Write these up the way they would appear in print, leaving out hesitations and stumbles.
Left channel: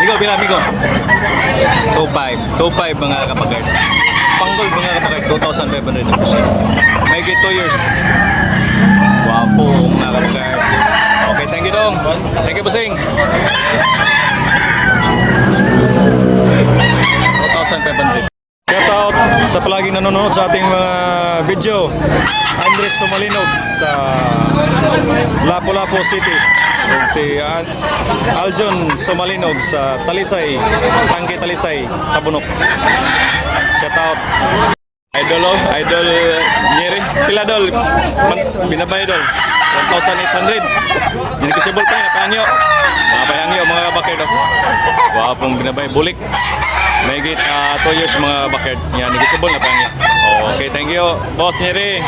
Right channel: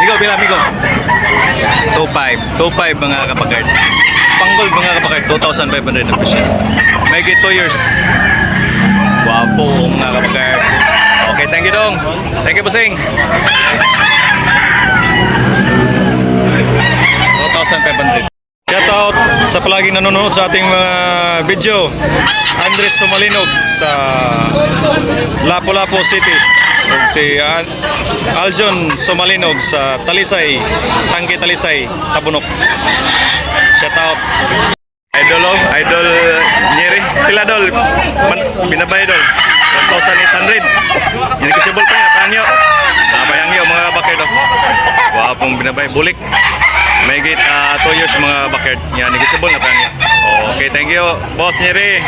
Migo, pila, Migo? 2.5. 2.5 mga kapagard. Spangled mga kapagard, 2,500 na presyo. May 2 years. Wapo mga kapagard. Okay, thank you dong. Thank you, Busing. 2,500. Shout out sa palaging nanonood sa ating mga video. Andres Sumalinog sa Lapu-Lapu City. Si Aljon Sumalinog sa Talisay, Tangke Talisay, Tabunok. Shout out. Idol Idol Nyeri. Pila dol? Binabay dol. 1,800. Hindi ko sibol pa yun. Napayangyo mga bakit do. Wapong binabay. Bulik. May 2 years mga bakit. Yan, negotiable na pangyo. Okay, thank you, Boss Nyeri.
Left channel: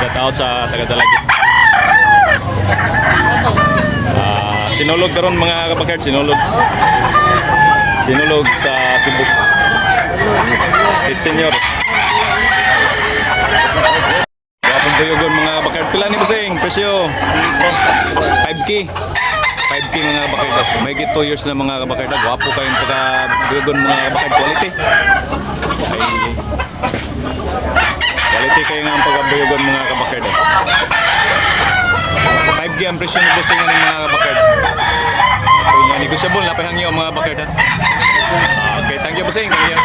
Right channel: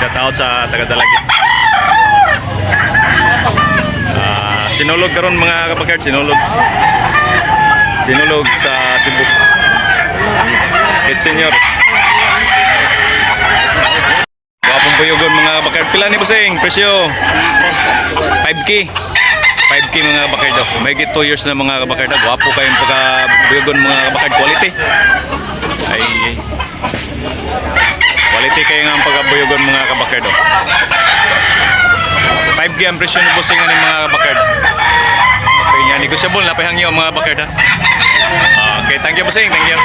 Shout out sa taga-Dalagit. Sinulog karon mga kapakard, sinulog sa Cebu. It's senior. Wapong buyogon mga kapakard. Pila ni Busing? Presyo 5K. 5K mga kapakard. May 2 years na mga kapakard. Wapo kayong pagka-buyogon mga kapakard. Quality. Ay. Quality kayo nga ang pagka-buyogon mga kapakard. 5K ang presyo ni Busing ng mga bakard. Okay, yan. Negotiable. Napahangyo mga bakard ha. Okay, thank you Busing. Thank you.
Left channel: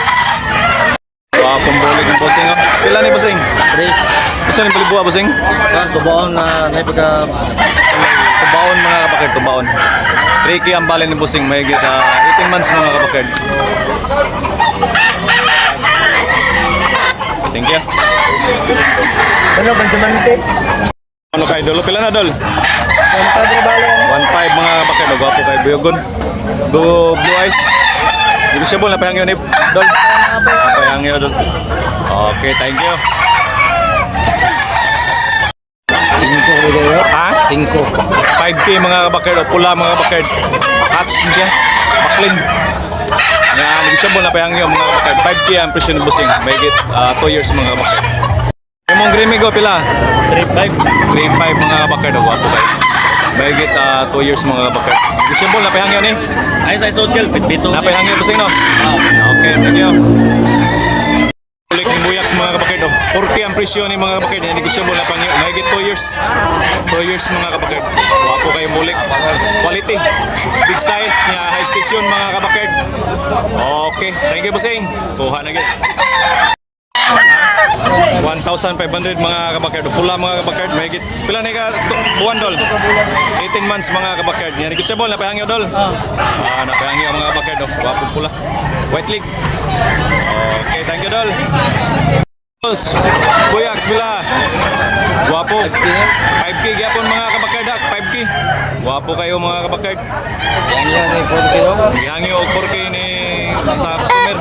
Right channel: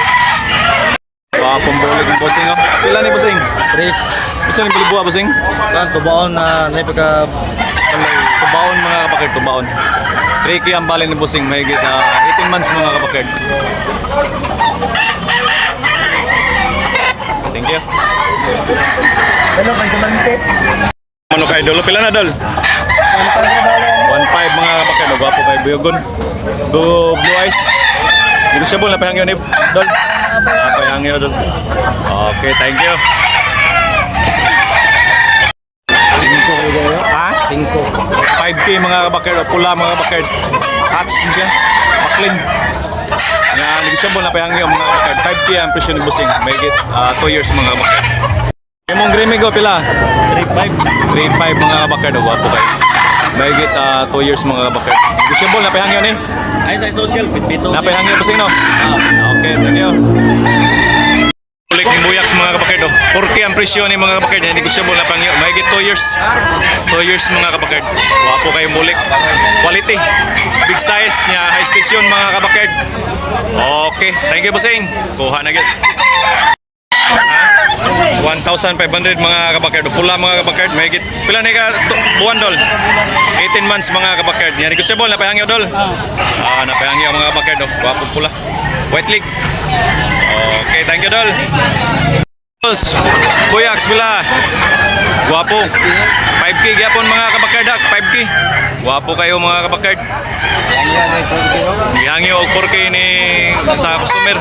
Wapong bulig ng Busing oh. Pila ni Busing? 3. Gusto ni balibuha Busing? Yan, tubaon na napika. Tubaon mga bakard, tubaon. 3K ang bali ni Busing. May 18 months mga bakard. Thank you. Ano bang sumantip? Ano kay Dolo? Pila na Dol? 1.5 mga bakard. Gwapo kay Buyogon. Blue eyes. Negotiable. Napahangyo ni Dol. Napahangyo Dol. Okay, thank you. 5 video. Ha? 5. 5K mga bakard. Pula mga bakard. Hatch niya. Baklin. Yan. Negotiable. Napahangyo mga bakard. 5K ang presyo ni Busing. May 2 years mga bakard. Imong Grimigo pila? 3.5 mga bakard. Gwapo kayo. May 2 years mga bakard. Negotiable. Napahangyo ni? Ay, sa social, pitbito. Napahangyo Busing no? Okay, thank you. Ulik ni Buyaks mga kabakard. 4K ang presyo ni mga kabakard. Negotiable na pangyo. May 2 years. 2 years mga kabakard. Wapo kayong bulik. Quality. Big size niya. High station mga kabakard. Okay. Thank you Busing. Kuha na gid. 1,500 mga kabakard. Pula mga kabakard. May git. Pila na ka buwan Dol? 18 months mga kabakard. Yan. Negotiable. Napahangyo Dol. Napahangyo mga kabakard. Wapo pula. White leg. Okay, thank you Dol. Buyaks pila. Guwapo. 5K gyapon mga kabakard. 5K. Guwapo kayo mga kabakard. Gihangyo og 4K ni sa customer.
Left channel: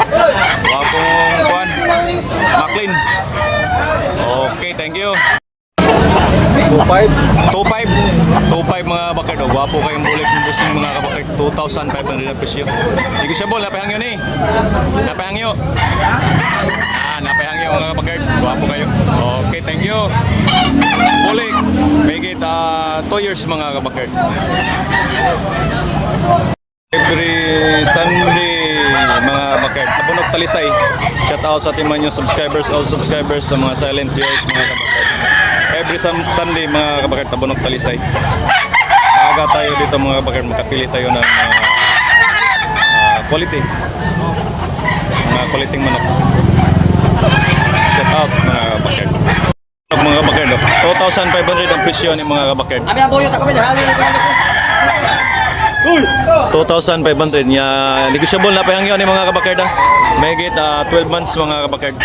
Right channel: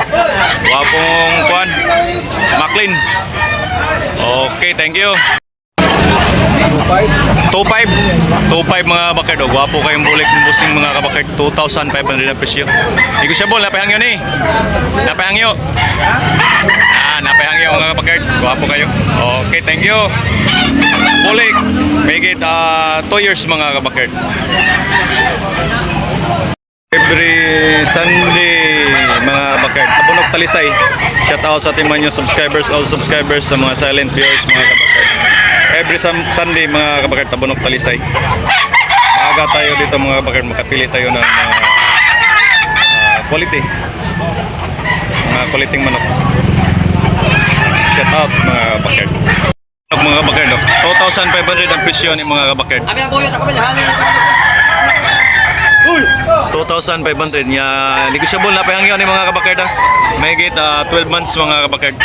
Guwapong kuan. Maclean. Okay, thank you. 2.5 mga bakard. Guwapo kayong bulik ng Busing mga kabakard. 2,500 na presyo. Negotiable. Napahangyo ni. Napahangyo. Napahangyo mga kabakard. Guwapo kayo. Okay, thank you. Bulik. Make it 2 years mga kabakard. Every Sunday mga bakard. Tabunok Talisay. Shout out sa ating mga subscribers, all subscribers, sa mga silent viewers mga kabakard. Every Sunday mga kabakard, Tabunok Talisay. Maaga tayo dito mga kabakard, makapili tayo ng quality. Mga quality manok. Shout out mga kabakard. Mga kabakard, 2,500 ang presyo ni mga kabakard. 2,500 niya. Negotiable na pahangyo ni mga kabakard. May 12 months mga kabakard.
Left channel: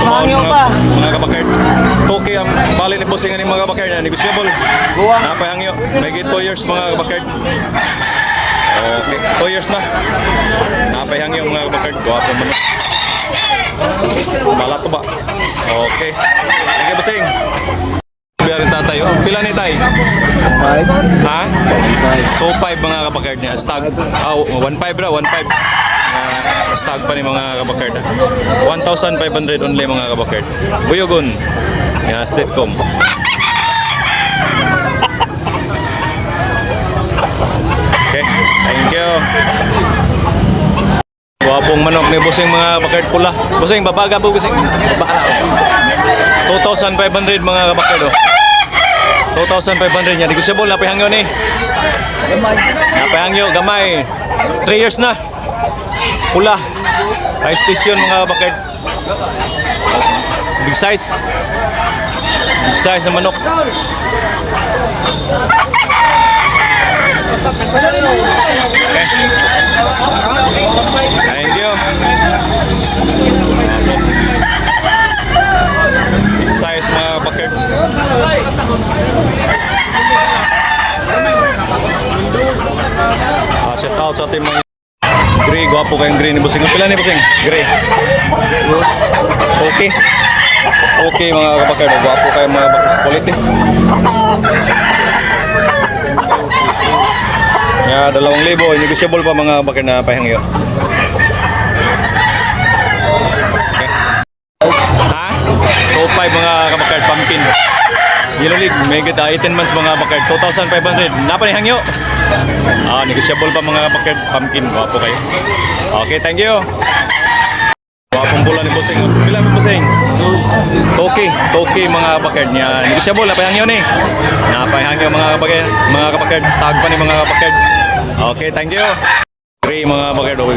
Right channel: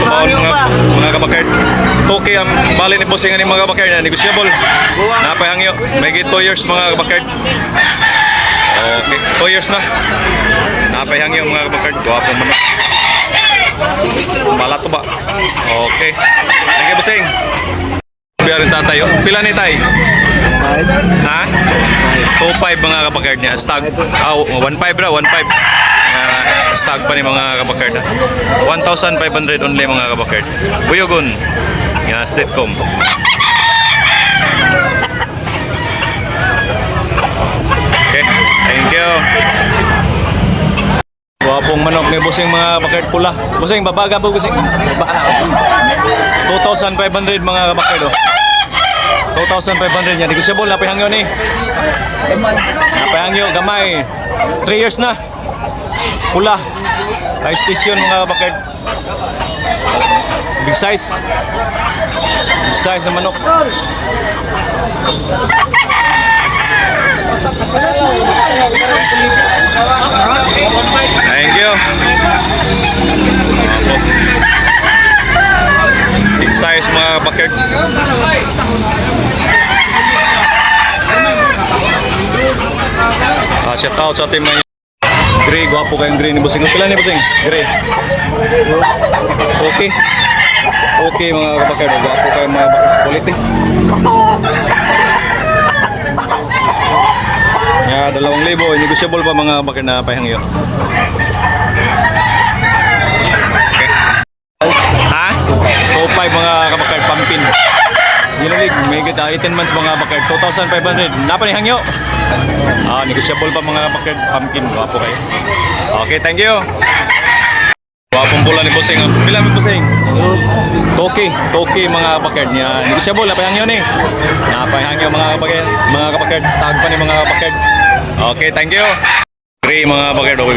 Sumaon mga kabakard. 2K ang bali ni Busing ni mga kabakard. Negotiable. Napahangyo. May 2 years mga kabakard. Okay, 2 years na. Napahangyo mga kabakard. Guwapo manok. Bala to ba? Okay. Thank you Busing. Biyarin tatay. Oh. Pila ni tay? Five. Ha? 2.5 mga kabakard niya. Stag. 1.5 ra, 1.5. Stag pa ni mga kabakard. 1,500 only mga kabakard. Buyogon. Statecom. Okay, thank you. Guwapong manok ni Busing mga kabakard pula. Busing, babaga po Busing. Baba na ako. 2,500 mga kabakard. 2,500 yan. Negosyable, napihangyo ni. Gamay. Napihangyo, gamay. 3 years na. Pula. High station mga kabakard. Big size. Big size na manok. Thank you. Apo. Big size mga kabakard. Shout out sa team mga Gray, gwapo kayong Gray ni Busing. Pila ni Busing? Gray. Okay. Okay mga kabakard, gwapo kayong mga quality. Ya, 2,000. Negotiable pa mga kabakard na pahangyo. Okay. Ha? Top 5 mga kabakard, pumpkin. Yellow League, may kita 18 months mga bakard, 2,500. Napa ni hangyo? Negotiable pa mga bakard, pumpkin. Gwapo kayo. Okay, thank you. Gwapong pula ni Busing. Pila mo Busing? Toki mga bakard niya. Negotiable na pa hangyo ni. Napa hangyo mga bakard, stag pa ni mga bakard. Okay, thank you. Gray mga bakard, White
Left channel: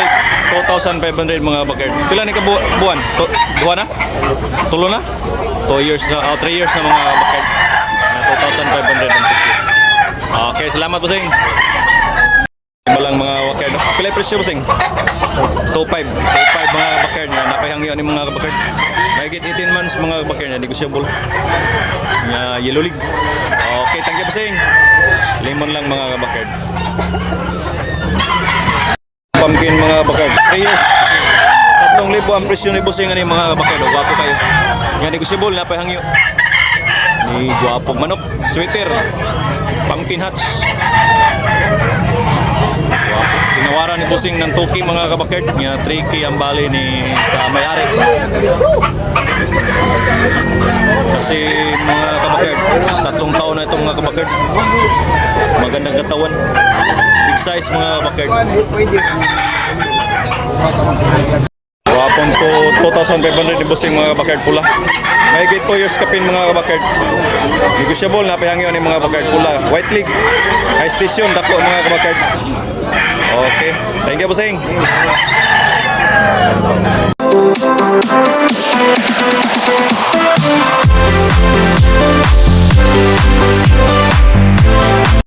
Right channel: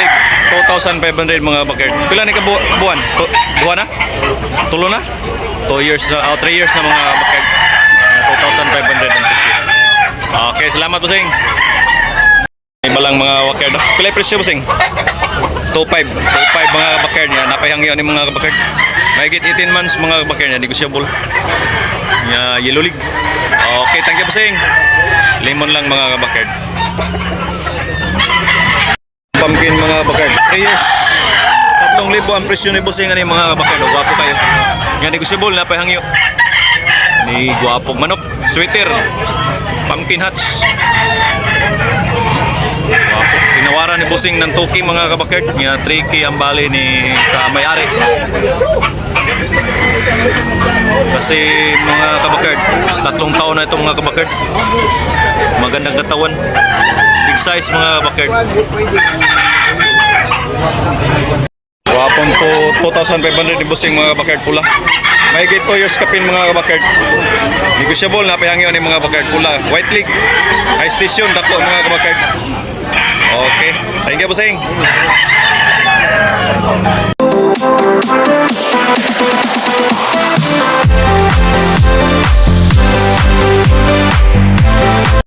League 2,500 mga bakard. Pila ni ka buwan? Buwan na? Tulo na? 2 years na, 3 years na mga bakard. 2,500 ang presyo. Okay, salamat Busing. Iba lang mga bakard. Pila presyo Busing? 2,500 mga bakard niya. Napahangyo ni mga bakard. Mahigit 18 months mga bakard niya. Negotiable. Yellow League. Okay, thank you Busing. Lemon lang mga bakard. Pumpkin mga bakard. 3 years. 3,000 ang presyo ni Busing ani mga bakard. Gwapo kayo. Nga negosyable na pahangyo. Ni guwapong manok, sweater, pumpkin hats. Guwapo. Tinawaran ni Busing ng 2K mga kabakard. Nga 3K ang bali ni sa may-ari. Kasi mga kabakard, 3 taon na itong mga kabakard. Magandang katawan. Big size mga kabakard. Wapon po 2,500 ni Busing mga kabakard pula. Mahigit 2 years kapin mga kabakard. Negosyable na pahangyo ni mga kabakard pula. White League, high station, dako mga kabakard. Okay, thank you Busing.